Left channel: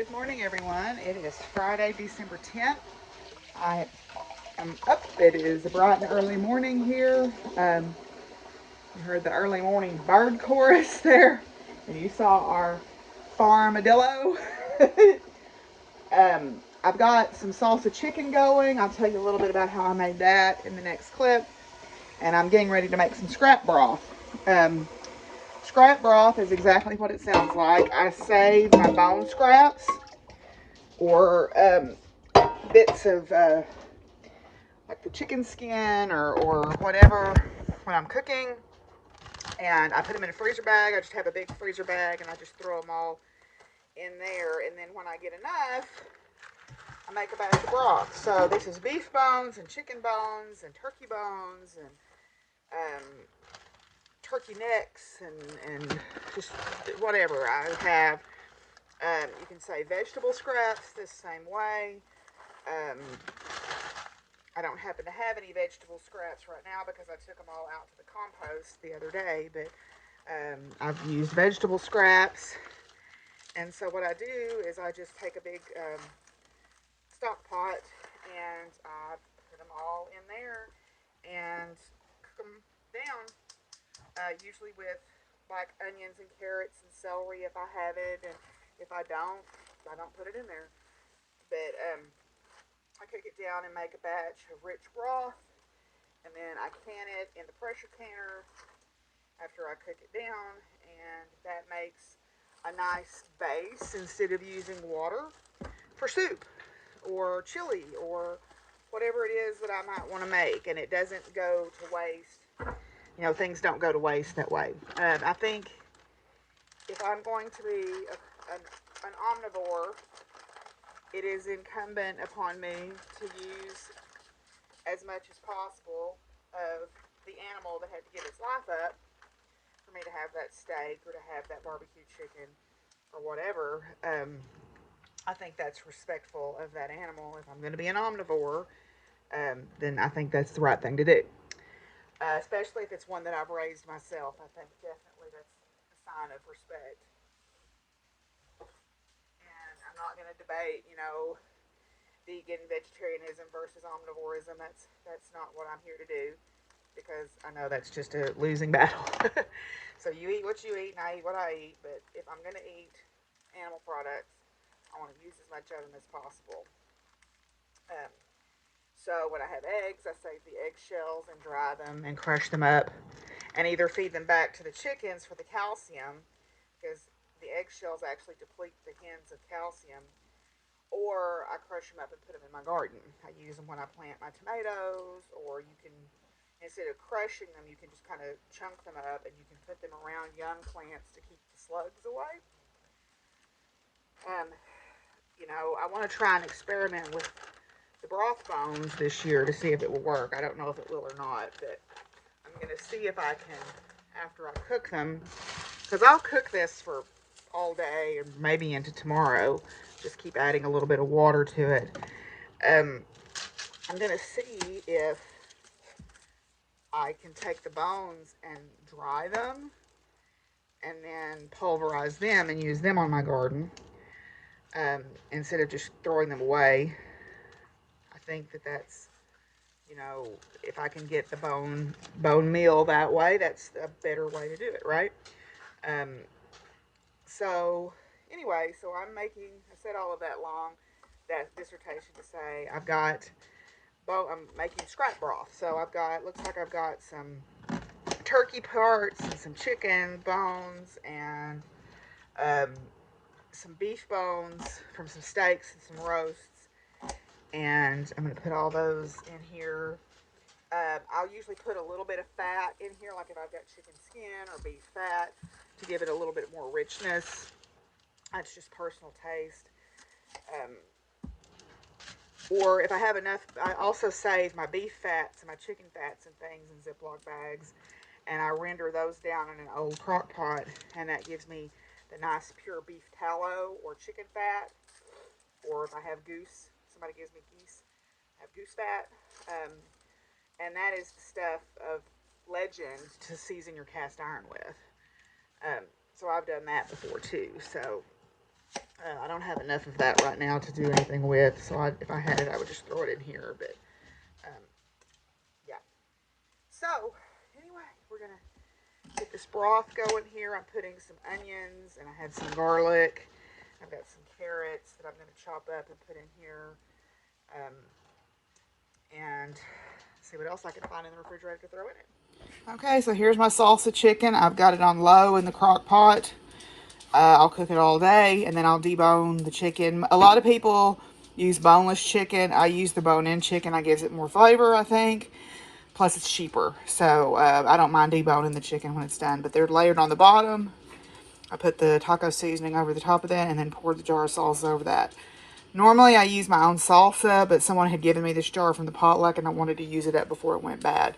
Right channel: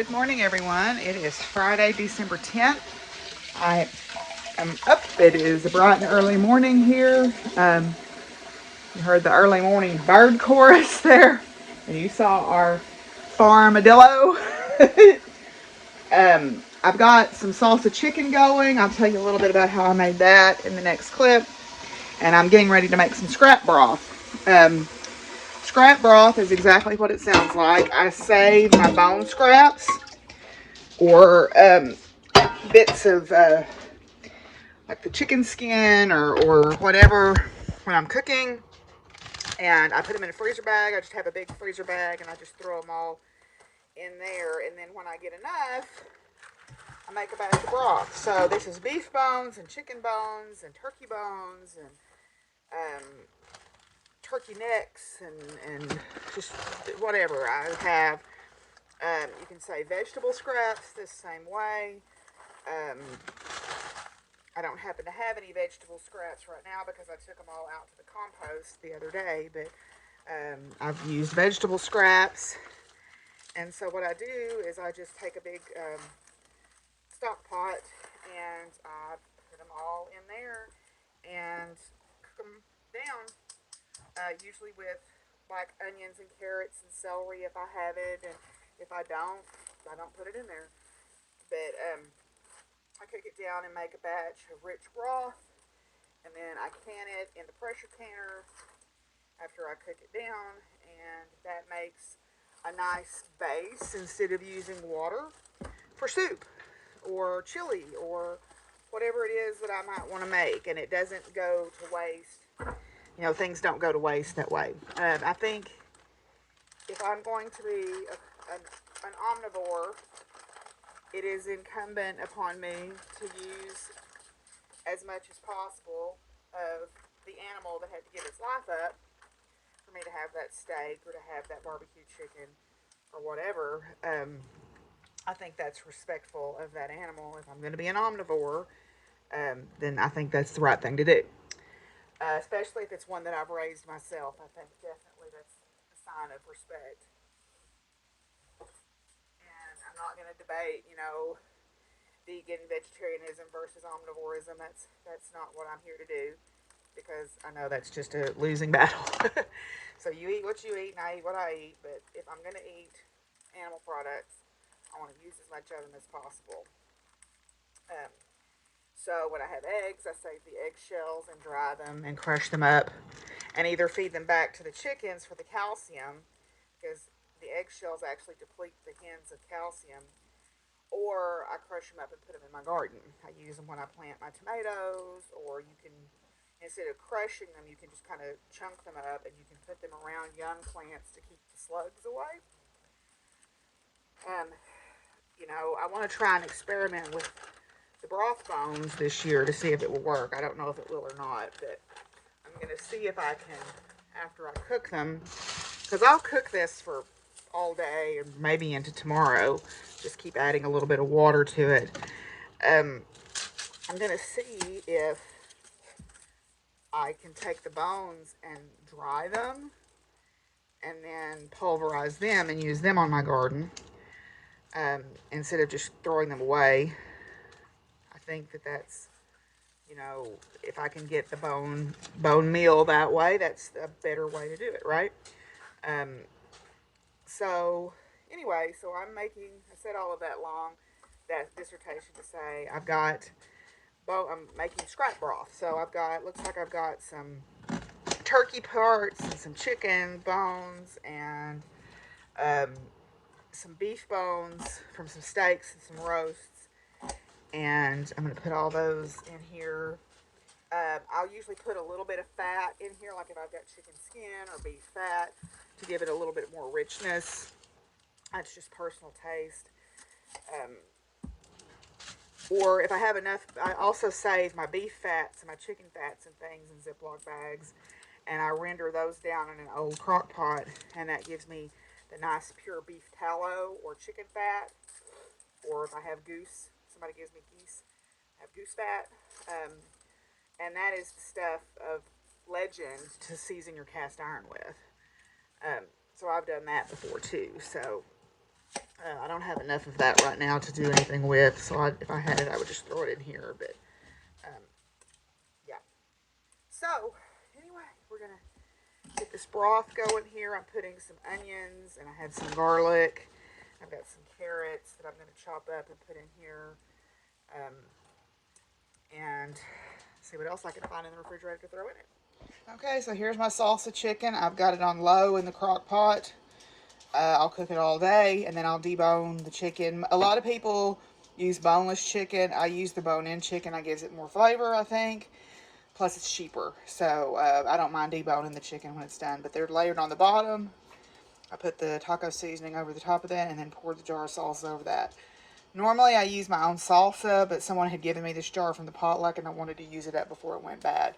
Good morning, everyone. It is Friday, December 10th. I am up. It is a bright and early morning here. You heard the early morning bird chorus there, and you saw our Farmadillo. I've got some salsa chicken going. I'll tell you a little bit about how I made that in the next clip. And I'm getting ready to make some scrap broth. Scrap broth is exactly what it sounds like. I save my bone scraps or bits of like the chicken skin or whatever when I'm cooking, and I put them in a freezer bag. I just have a big freezer bag and I just throw them all in there, and then when I get enough, I make a batch of broth. So this is beef bones and chicken bones and turkey bones and turkey necks and just whatever I have. You can say vegetable scraps the same way. I don't happen to have any vegetable scraps right now because I took them all out to the compost the other day, but I've used vegetable scraps. And so what I do is I just take a big stock pot and I put them all in there and cook them down, usually with like onions and carrots and celery if I have it, and if I don't put it in there. But I cook it down and make a batch of rich broth, and then I can it in the pressure canner after I cook it down, and that makes a nice base instead of using water for soup or chili or whatever it is that I might want to make, and it doesn't go to waste. You know, things don't go to waste that way. I think if I'm going to be an omnivore, it is incumbent upon me to use as much as possible of the animal that had to give its life up for me to have that steak or to have that barbecue chicken or whatever. I think that's respectful of that animal. If I'm going to be an omnivore, then I think that's the right thing to do. Especially if it's one that I've raised myself. I think definitely that's a sign of respect. And I'm not going to debate, vegan vegetarianism versus omnivorism. That's not what I'm here to do, because I know that's just a losing battle. So you eat what you eat and I eat what I eat, but if I'm going to eat animal products, I want to use as much of them as possible. So when I have eggs, I save the eggshells and dry them and crush them up and either feed them back to the chickens for the calcium, because the eggshells actually deplete the hens of calcium, or I crush them up and put them in my garden. I use them when I plant my tomatoes, or you can, instead of crushing them, you can just kind of chunk them up and you can put them around young plants to keep the slugs away. I want to try and experiment with the broth bones this year to see if it will work. I don't know if it will or not, but I'm going to see if I can, after I cook them, because I'll cook this for all day or maybe into tomorrow. Just keep adding a little bit of water to it. I'm going to see if I can take the bones and dry them and then pulverize them and use them on my garden, instead of just throwing them away. I think that's, if I can get the bone meal that way, that's a better way to do it, right? So anyway, I said all of that dissertation to say I'm making scrap broth. So looks like I've got some turkey parts and some chicken bones and some beef bones from some steaks and some roasts. And I'm going to put all those in here. I'll usually put a little bit of fat in here, like if I've got chicken skin or beef fat, to give it a little bit more richness. That's just personal taste. Or if I have enough, I also save my beef fats and my chicken fats and things in Ziploc bags, and I render those down in an old crock pot, and that gives me the nice pure beef tallow or chicken fat. Or if I have goose, somebody gives me geese, I have goose fat. And that is the stuff of legend to season your cast iron with. So I've done that before too. So I don't have enough of that right now to do anything with, so if I had it, I would just throw it in here, but yeah. So, anyway, we're going to get this broth going here. I'm putting some onions, and I have some garlic. I've got some carrots that I'm going to chop up and put in here. And see what else I can find in the refrigerator to throw in it. Okay, so here's my salsa chicken. I've got it on low in the crock pot. I'll cook it all day, and then I'll debone the chicken. A lot of people use boneless chicken. I use the bone-in chicken. I gives it more flavor, I think. Plus, it's cheaper. So, I don't mind deboning the chicken when it's done. But they're layered on the bottom. I put the taco seasoning over the top of that, and then pour the jar of salsa over that. Normally, I use my own salsa, but someone had given me this jar from the potluck, and I wanted to use it up before it went bad.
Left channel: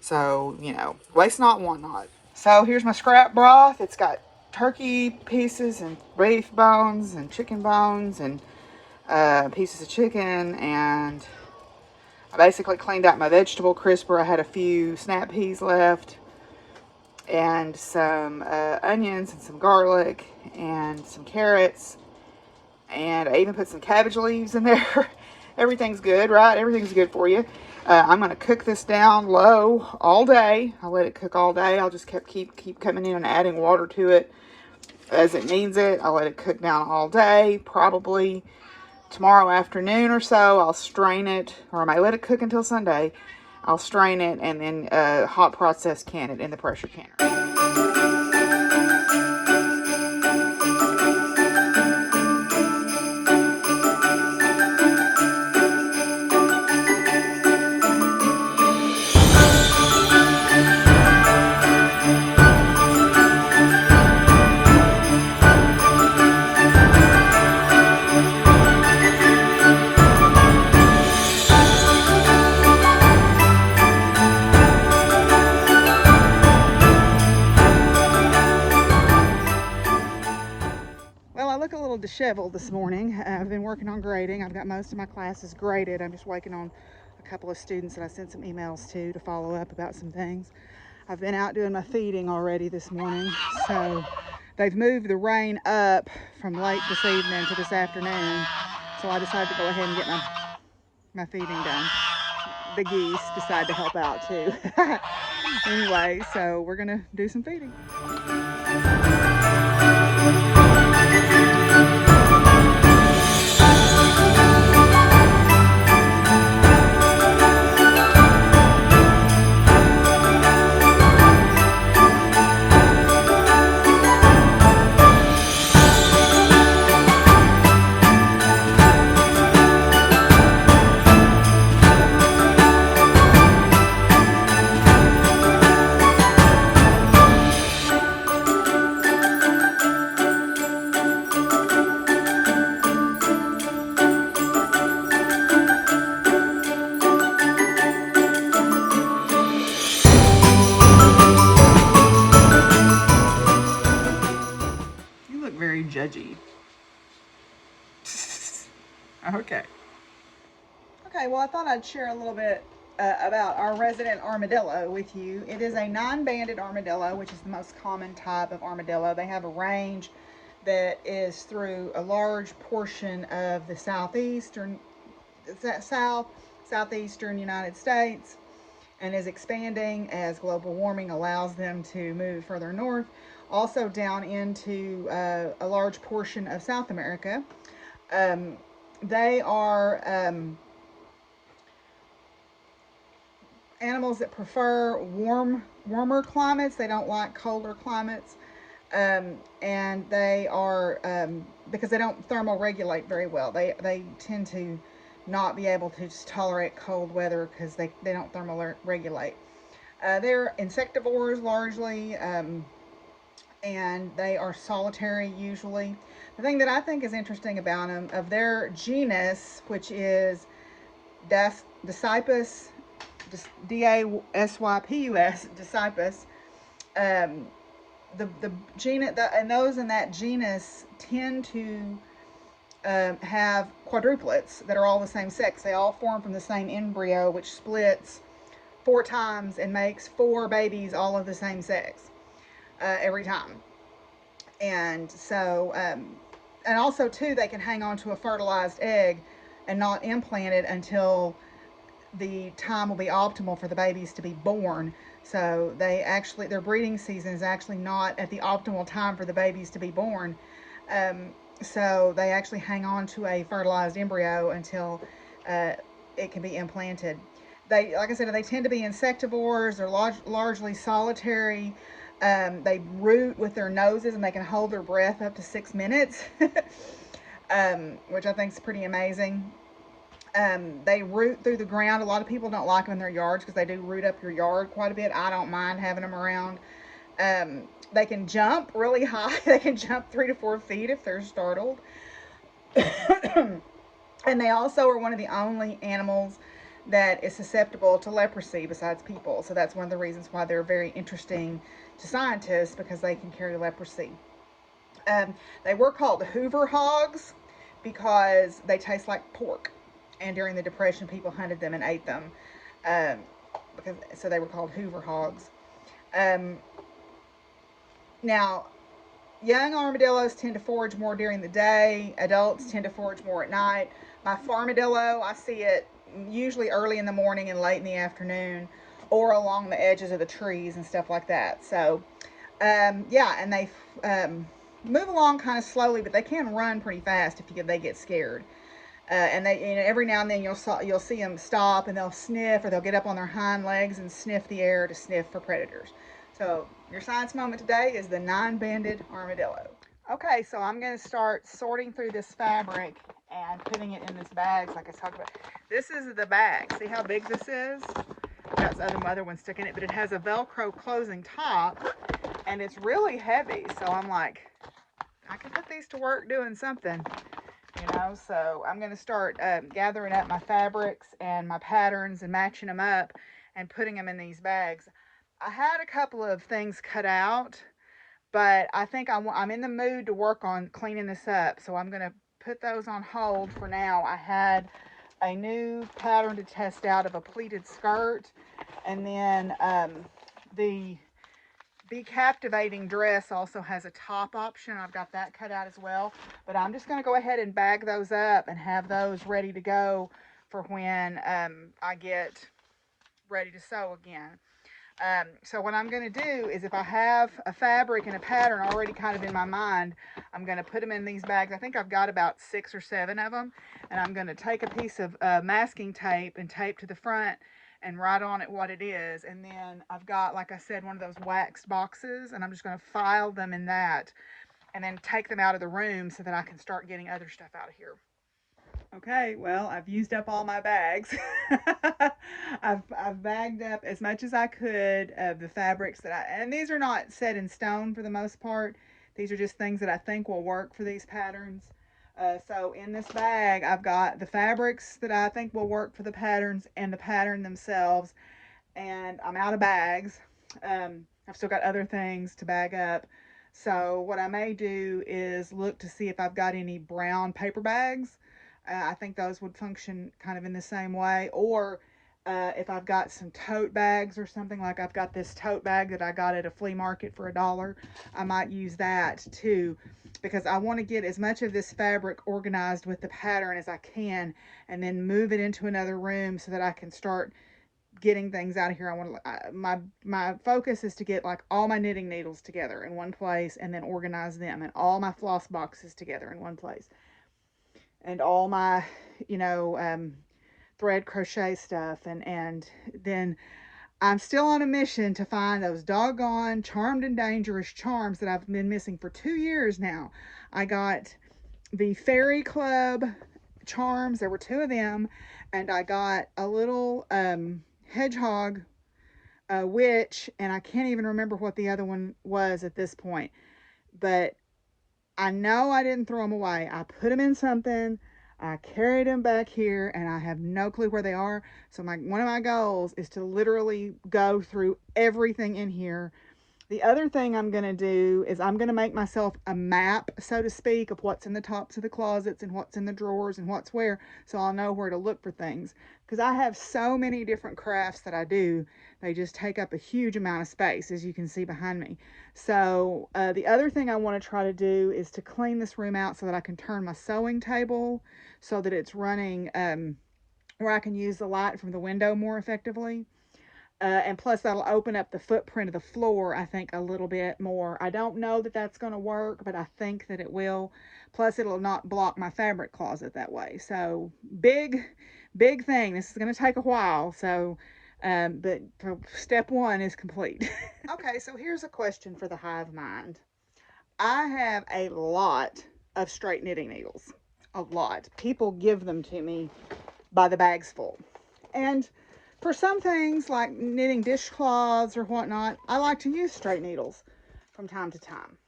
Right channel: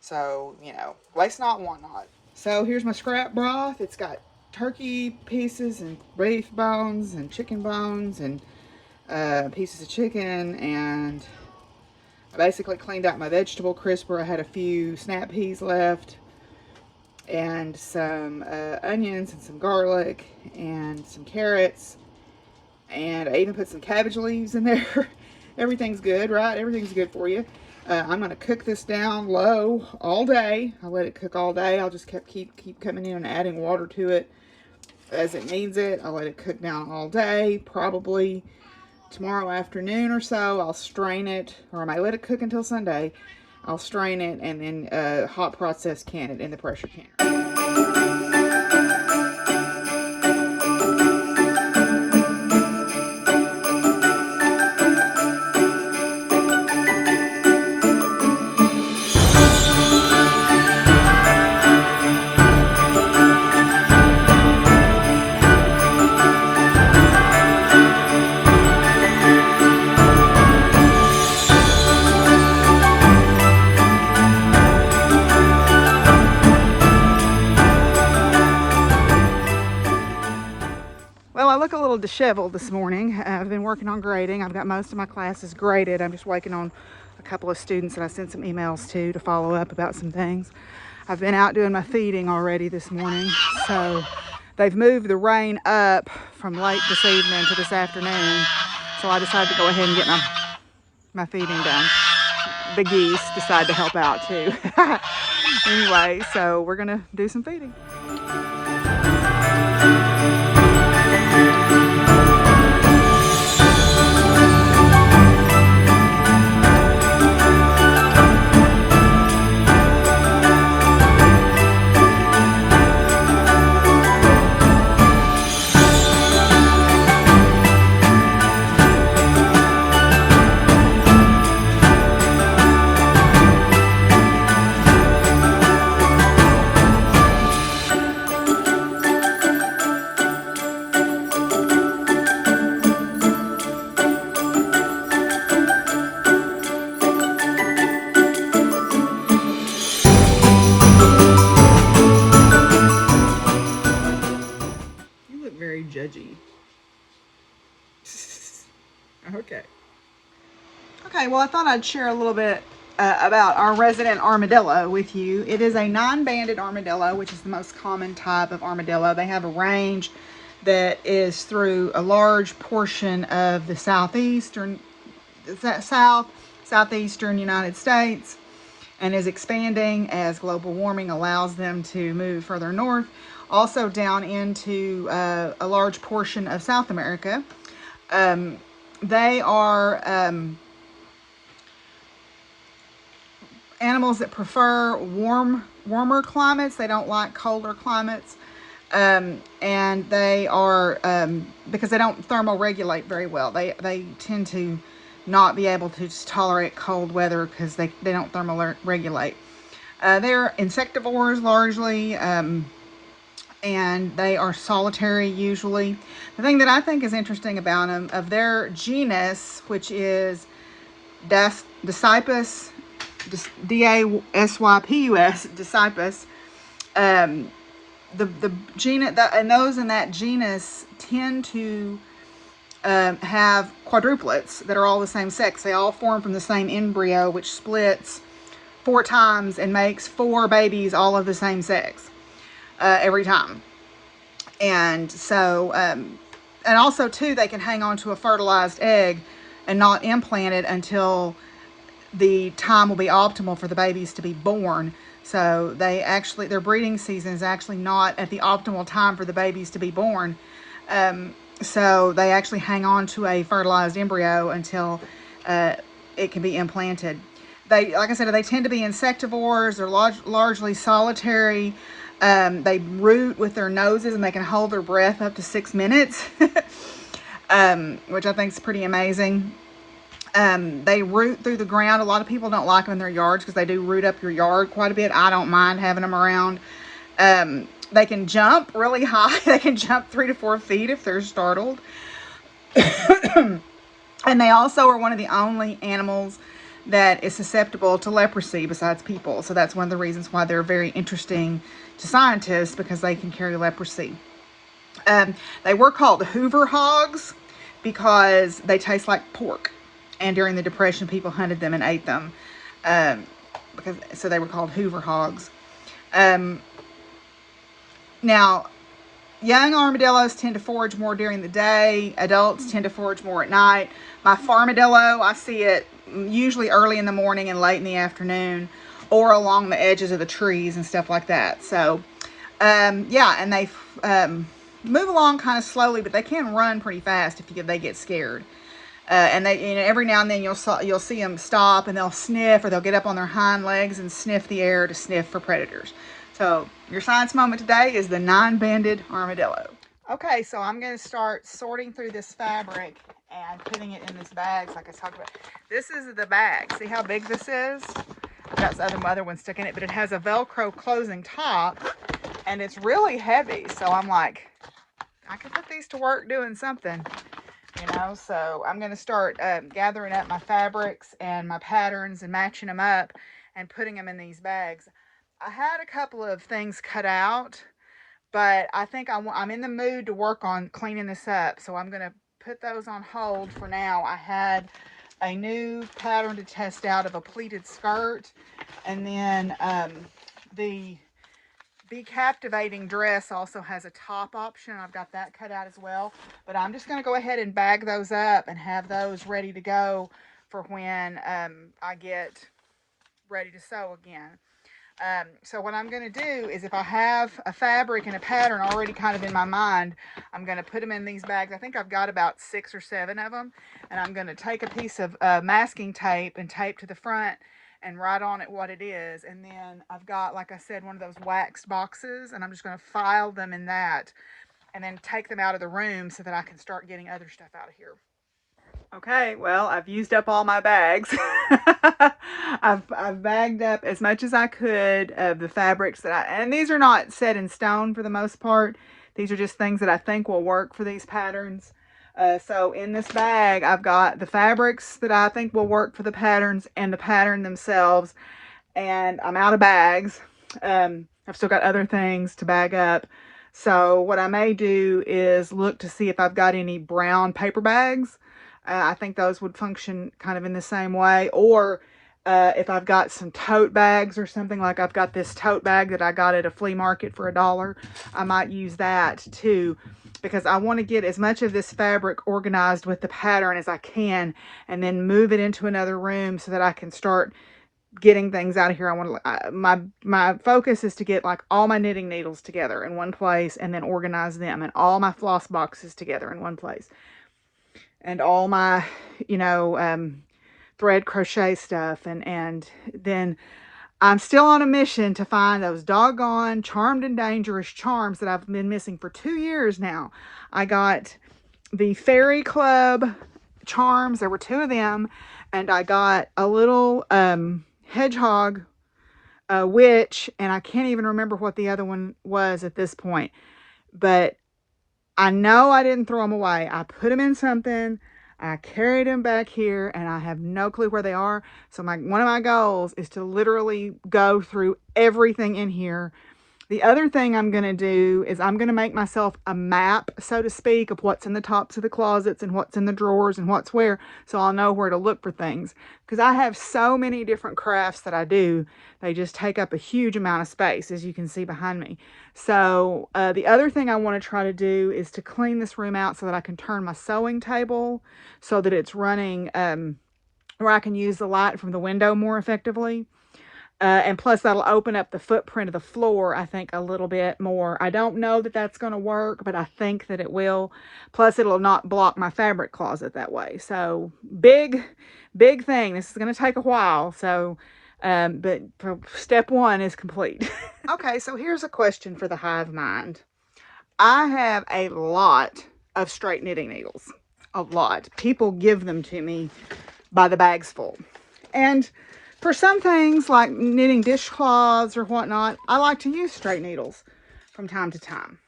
So, you know, waste not, want not. So, here's my scrap broth. It's got turkey pieces and beef bones and chicken bones and pieces of chicken, and I basically cleaned out my vegetable crisper. I had a few snap peas left and some onions and some garlic and some carrots, and I even put some cabbage leaves in there. Everything's good, right? Everything's good for you. I'm going to cook this down low all day. I'll let it cook all day. I'll just keep coming in and adding water to it as it needs it. I'll let it cook down all day. Probably tomorrow afternoon or so, I'll strain it, or I may let it cook until Sunday. I'll strain it and then hot process can it in the pressure canner. Well, I look a little disheveled this morning. I've been working on grading. I've got most of my classes graded. I'm just waiting on a couple of students that I sent some emails to follow up about some things. I've been out doing my feeding already this morning. So they've moved the rain up from late this evening to this afternoon. So I decided to go ahead and get my feeding done. The geese decide to help out too. Anyway, so we're gonna do some feeding. Very judgy. Okay. Okay, well, I thought I'd share a little bit about our resident armadillo with you. It is a non-banded armadillo, which is the most common type of armadillo. They have a range that is through a large portion of the southeastern United States, and is expanding as global warming allows them to move further north. Also down into a large portion of South America. They are animals that prefer warmer climates. They don't like colder climates. And they are, because they don't thermoregulate very well. They tend to not be able to just tolerate cold weather because they don't thermoregulate. They're insectivores largely. And they are solitary usually. The thing that I think is interesting about them, of their genus, which is Dasypus, D-A-S-Y-P-U-S, Dasypus, the genus, and those in that genus tend to have quadruplets that are all the same sex. They all form from the same embryo, which splits 4 times and makes 4 babies all of the same sex. Every time. And so And also too, they can hang on to a fertilized egg and not implant it until the time will be optimal for the babies to be born. So their breeding season is actually not at the optimal time for the babies to be born. So they actually hang on to a fertilized embryo until it can be implanted. Like I said, they tend to be insectivores. They're largely solitary. They root with their noses, and they can hold their breath up to 6 minutes, which I think is pretty amazing. They root through the ground. A lot of people don't like them in their yards because they do root up your yard quite a bit. I don't mind having them around. They can jump really high. They can jump 3 to 4 feet if they're startled. And they also are one of the only animals that is susceptible to leprosy besides people. So that's one of the reasons why they're very interesting to scientists, because they can carry leprosy. They were called Hoover hogs because they taste like pork. And during the Depression, people hunted them and ate them. So they were called Hoover hogs. Now, young armadillos tend to forage more during the day. Adults tend to forage more at night. My Farmadillo, I see it usually early in the morning and late in the afternoon, or along the edges of the trees and stuff like that. So, yeah, and they move along kind of slowly, but they can run pretty fast if they get scared. And every now and then you'll see them stop, and they'll sniff, or they'll get up on their hind legs and sniff the air to sniff for predators. So your science moment today is the 9-banded armadillo. Okay, so I'm going to start sorting through this fabric and putting it in this bags like I talked about. This is the bag. See how big this is? Got some other one stuck in it, but it has a Velcro closing top, and it's really heavy. So I'm like, I could put these to work doing something, So I'm going to start gathering up my fabrics and my patterns and matching them up and putting them in these bags. I had a couple of things cut out, but I think I'm in the mood to work on cleaning this up, so I'm going to put those on hold for now. I had a new pattern to test out of a pleated skirt, and then the Be Captivating dress also has a top option. I've got that cut out as well, but I'm just going to go ahead and bag those up and have those ready to go for when I get ready to sew again. So what I'm going to do is, if I have a fabric and a pattern already kind of in my mind, I'm going to put them in these bags. I think I've got about 6 or 7 of them, and I'm going to take a piece of masking tape and tape to the front and write on it what it is. And then I've got, like I said, one of those waxed boxes, and I'm just going to file them in that and then take them out of the room so that I can start getting other stuff out of here. Okay, well, I've used up all my bags. I've bagged up as much as I could of the fabrics and these are not set in stone for the most part. These are just things that I think will work for these patterns. So in this bag, I've got the fabrics that I think will work for the patterns and the pattern themselves. And I'm out of bags. I've still got other things to bag up. So what I may do is look to see if I've got any brown paper bags. I think those would function kind of in the same way. Or if I've got some tote bags or something, like I've got this tote bag that I got at a flea market for $1, I might use that too, because I want to get as much of this fabric organized with the pattern as I can, and then move it into another room so that I can start getting things out of here. I want to, my focus is to get like all my knitting needles together in one place, and then organize them, and all my floss boxes together in one place, and all my, thread crochet stuff. And then I'm still on a mission to find those doggone Charmed and Dangerous charms that I've been missing for 2 years now. I got the Fairy Club charms. There were 2 of them. And I got a little hedgehog witch. And I can't even remember what the other one was at this point. But I know I didn't throw them away. I put them in something. I carried them back here, and I have no clue where they are. So one of my goals is to literally go through everything in here The other thing I'm going to do is I'm going to make myself a map, so to speak, of what's in the tops of the closets and what's in the drawers and what's where, so I'll know where to look for things. Because I have so many different crafts that I do, they just take up a huge amount of space, as you can see behind me. So the other thing I want to try to do is to clean this room out so that I can turn my sewing table so that it's running where I can use the light from the window more effectively. And plus, that'll open up the footprint of the floor, I think, a little bit more. I don't know that that's going to work, but I think that it will. Plus, it'll not block my fabric closet that way. So, big thing. This is going to take a while. So, but step one is complete. Okay, so here's a question for the hive mind. I have a lot of straight knitting needles. A lot. People give them to me by the bags full. And for some things like knitting dishcloths or whatnot, I like to use straight needles from time to time.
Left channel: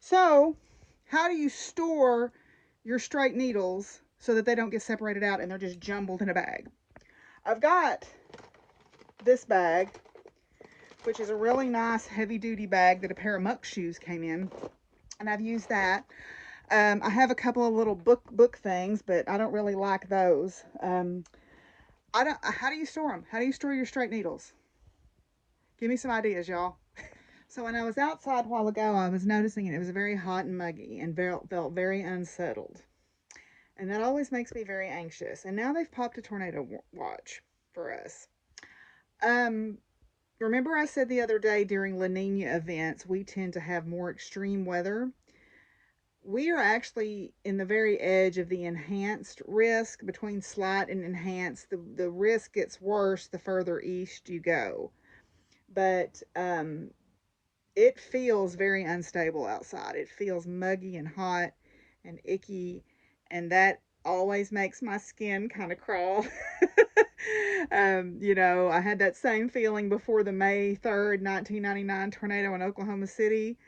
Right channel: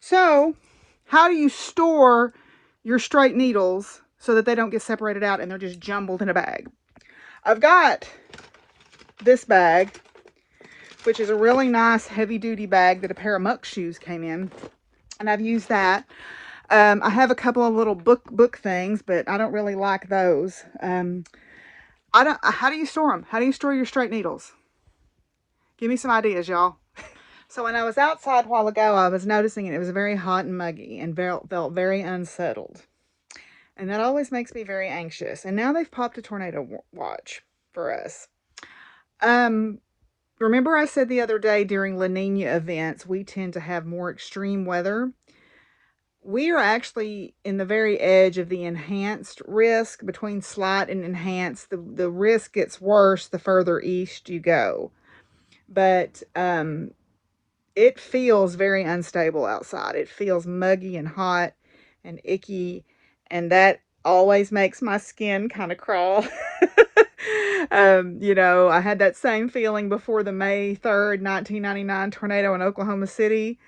So, how do you store your straight needles so that they don't get separated out and they're just jumbled in a bag? I've got this bag, which is a really nice heavy-duty bag that a pair of muck shoes came in, and I've used that. I have a couple of little book things, but I don't really like those. How do you store them? How do you store your straight needles? Give me some ideas, y'all. So when I was outside a while ago, I was noticing it was very hot and muggy and felt very unsettled. And that always makes me very anxious. And now they've popped a tornado watch for us. Remember I said the other day during La Nina events, we tend to have more extreme weather. We are actually in the very edge of the enhanced risk. Between slight and enhanced, the risk gets worse the further east you go. But it feels very unstable outside. It feels muggy and hot and icky, and that always makes my skin kind of crawl. I had that same feeling before the May 3rd, 1999 tornado in Oklahoma City,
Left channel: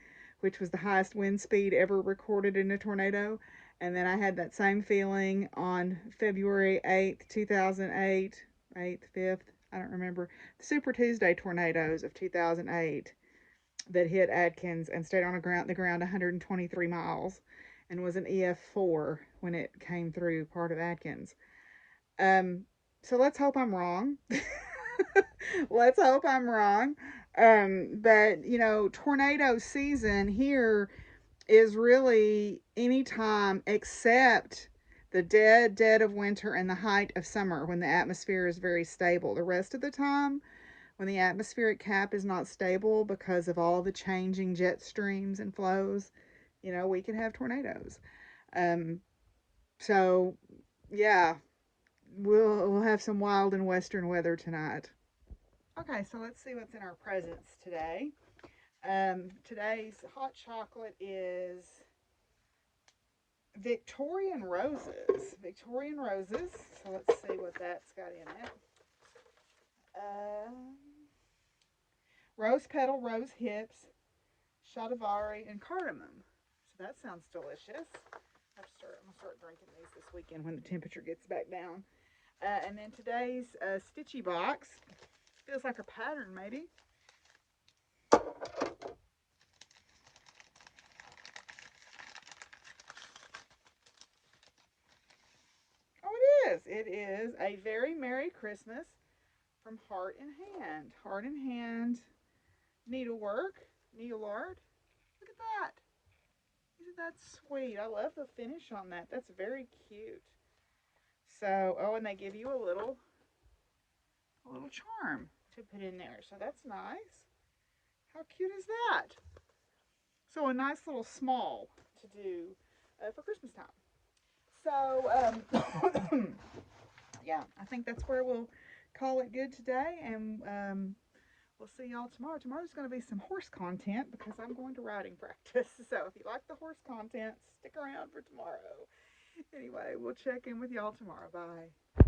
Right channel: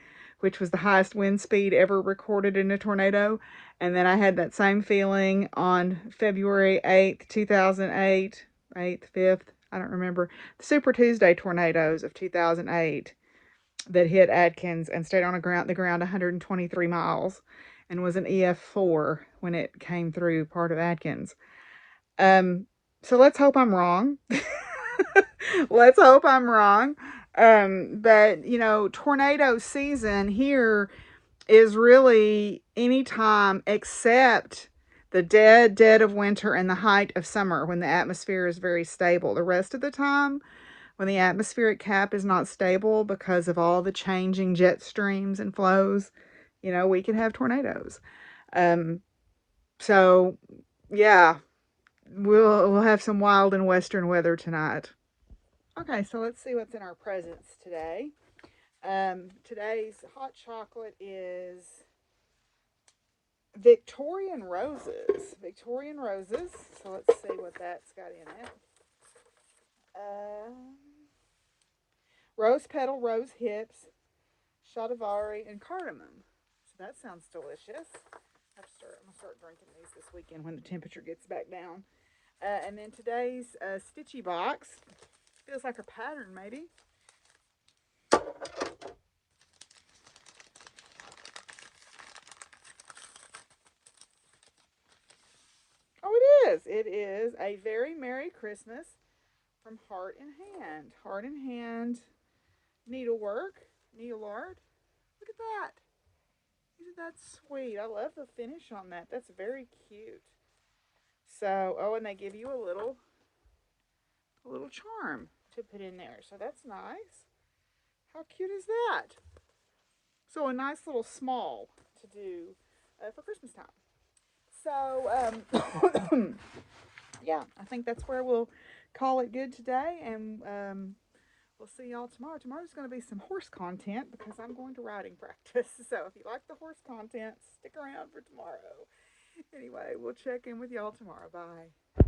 which was the highest wind speed ever recorded in a tornado. And then I had that same feeling on February 8th, 2008, 8th, 5th, I don't remember, the Super Tuesday tornadoes of 2008 that hit Atkins and stayed on the ground 123 miles and was an EF4 when it came through part of Atkins. So let's hope I'm wrong. Let's hope I'm wrong. But, tornado season here is really any time except the dead of winter and the height of summer when the atmosphere is very stable. The rest of the time, when the atmospheric cap is not stable because of all the changing jet streams and flows, we can have tornadoes. So, yeah, we'll have some wild and western weather tonight. Okay, so let's see what's in our presents today. Today's hot chocolate is Victorian Roses. Victorian Roses. So let's see what that's got in it. Rose petal, rose hips, shatavari, and cardamom. So that sounds delicious. I'm going to start drinking these this weekend when the temperature gets back down. And then today's stitchy box. Feels like a pattern, maybe. Oh, it is. It is A Very Merry Christmas from Heart in Hand. Heart in Hand needlework, needle art. Look at that. Isn't that sweet? I love the finish on that. That's very cute. So, and they give you a little charm to put in there. So that's nice. How cute is that? So a nice little small to do for Christmas time. So, yeah, I think that's where we'll call it good today. And we'll see y'all tomorrow. Tomorrow's going to be some horse content because I'm going to riding practice. So if you like the horse content, stick around for tomorrow. Anyway, we'll check in with y'all tomorrow. Bye.